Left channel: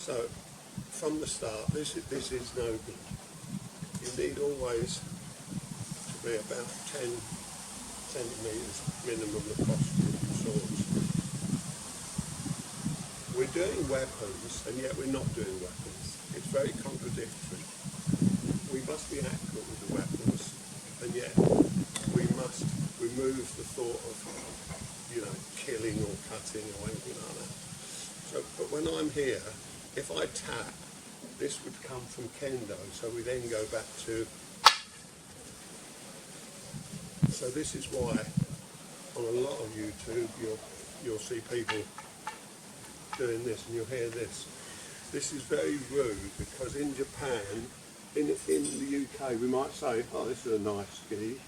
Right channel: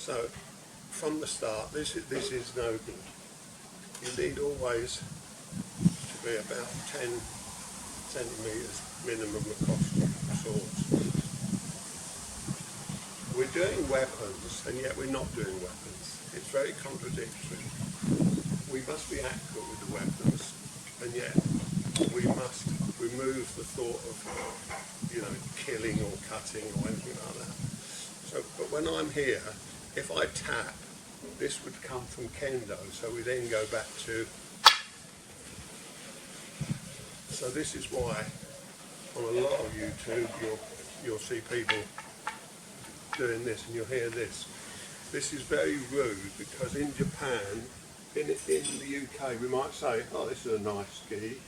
So from the start, this is no good. You need always to be about 10 centimetres minimum across the swords. We're doing weapons, and yet we're not doing weapons. It's very contradictory. We must be accurate with the weapons, and yet we must remove the thought of, killing or cutting or anything like that. So, but when I'm here, if I tap, this would come from kendo, so we then go back to. So this is why on a lot of YouTube you'll see people doing this, and you'll hear this. This is very rude, because in Japan, in the UK, we might say, "Oh, this is a nice gi."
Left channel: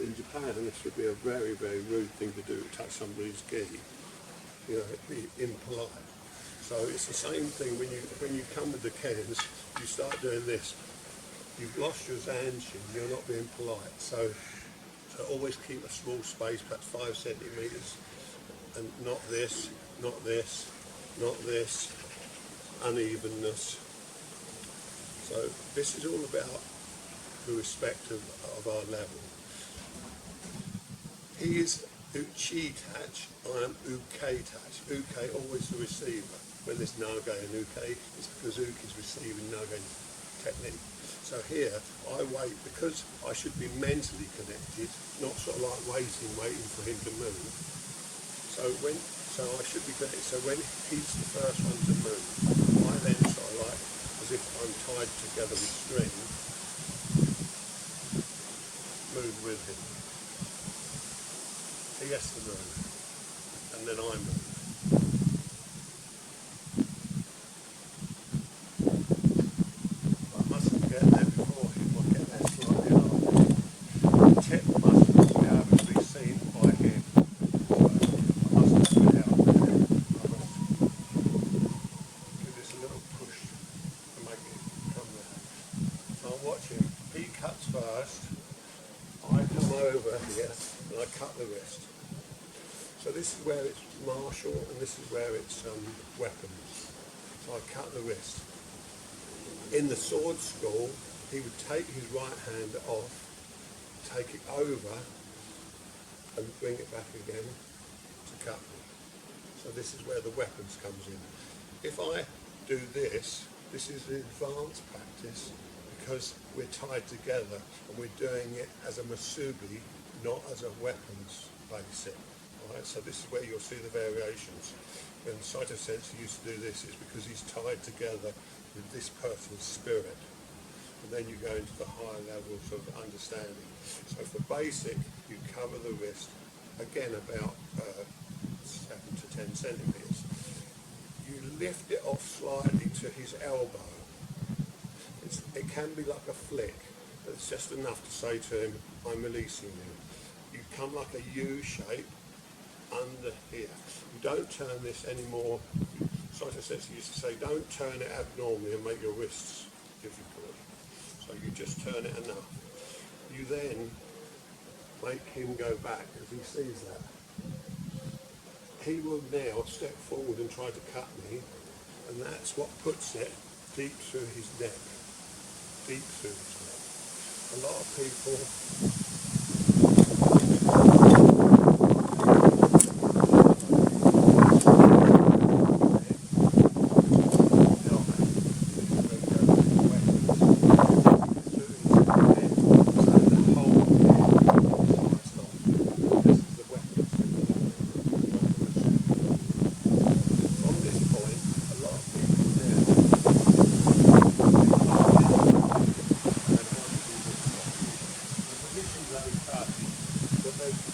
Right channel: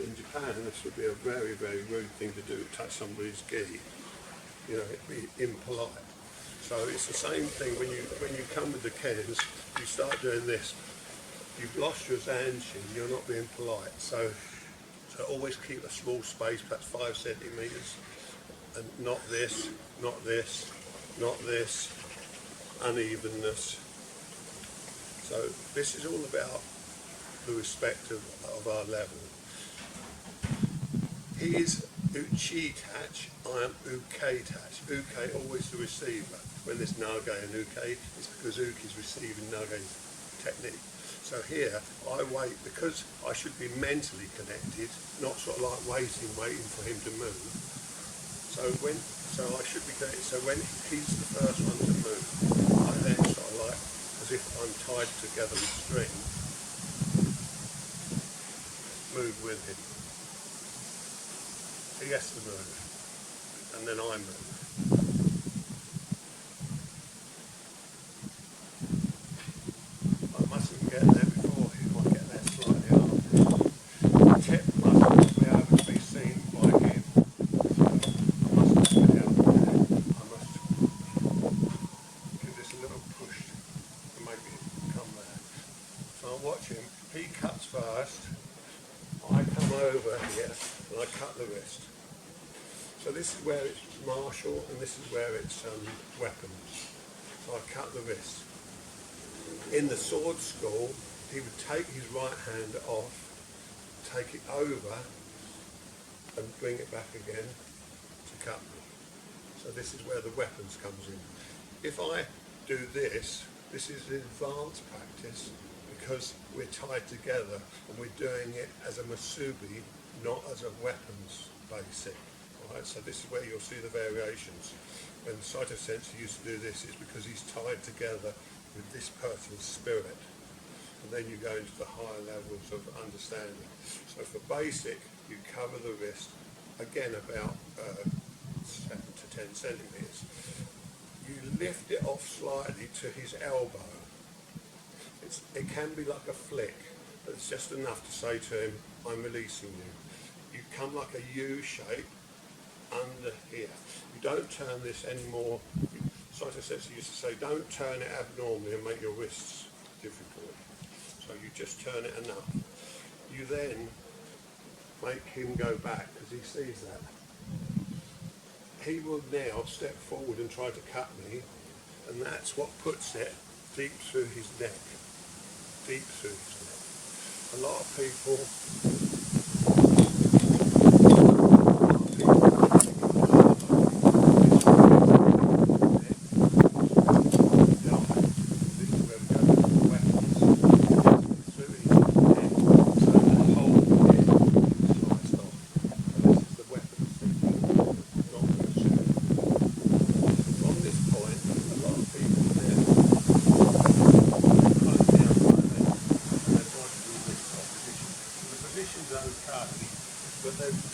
In Japan, this would be a very, very rude thing to do, touch somebody's gi. It'd be impolite. So it's the same thing when you come with the kens, you start doing this. You've lost your zanshin, you're not being polite. So always keep a small space, perhaps 5 centimetres, and not this, not this, not this, unevenness. So this is all about the respect of our level. He is uchi touch, I am uke touch. Uke always the receiver. When there's nage and uke, it's because uke is receiving nage's technique. So here, I wait because I should be mentally connected, not sort of like waiting for him to move. So I should be connected. So when he's the first one to move, I then sort of like, as if I'm tied together with string, move with him. He has to move, and then I move. I mustn't get there before him, I get there slightly after. The tip mustn't be able to be seen by him, so I mustn't get out there. I must give this a little push to make it come there. So I watch him, he cuts first, I come over here and I cut the wrist. So this is where it's martial, and this is where it's weapons. So I cut the wrist. In the sword school, he would take his right hand off, take it over, and bring it back again to cut me. So this is where the weapons comes in. If I do this is an advanced practice, because we're tied together and we're doing it as a Musubi, not as a weapons basic. Right, so this is where you'll see the variations. When Saito Sensei used to do this, it's because he's tied together with this person's spirit. And then you go into the higher levels of understanding. So for basic, you cover the wrist, again about 7 to 10 centimetres. You lift it off slightly to his elbow. It can be like a flick, but it's just enough to say to him, "I'm releasing you." You come like a U shape under here. You don't turn this anymore. Saito Sensei used to say, don't turn it abnormally and make your wrists difficult. So you just turn it enough. You then make him go back, because he sees that. He will now step forward and try to cut me, and that's what puts it deep through his neck. Deep through his neck. A lot of people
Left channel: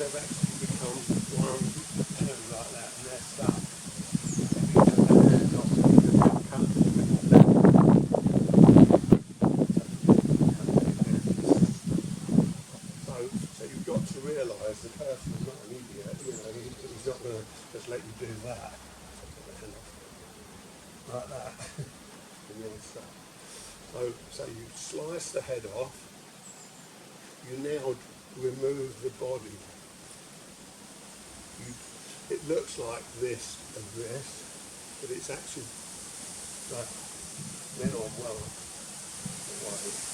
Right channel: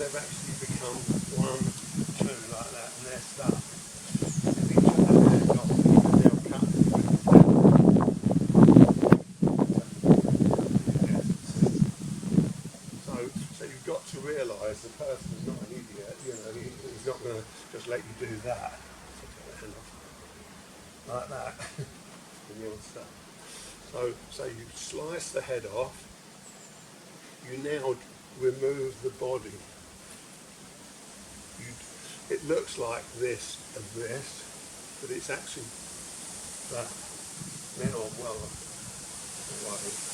they've actually become 1, 2 like that, and they're stuck. If you took their hand off, you can now cut them with So you've got to realise the person is not an idiot. He's not going to just let you do that. So take the hand off like that, and you're stuck. So you slice the head off. You now remove the body. It looks like this and this, but it's actually then I'm well away.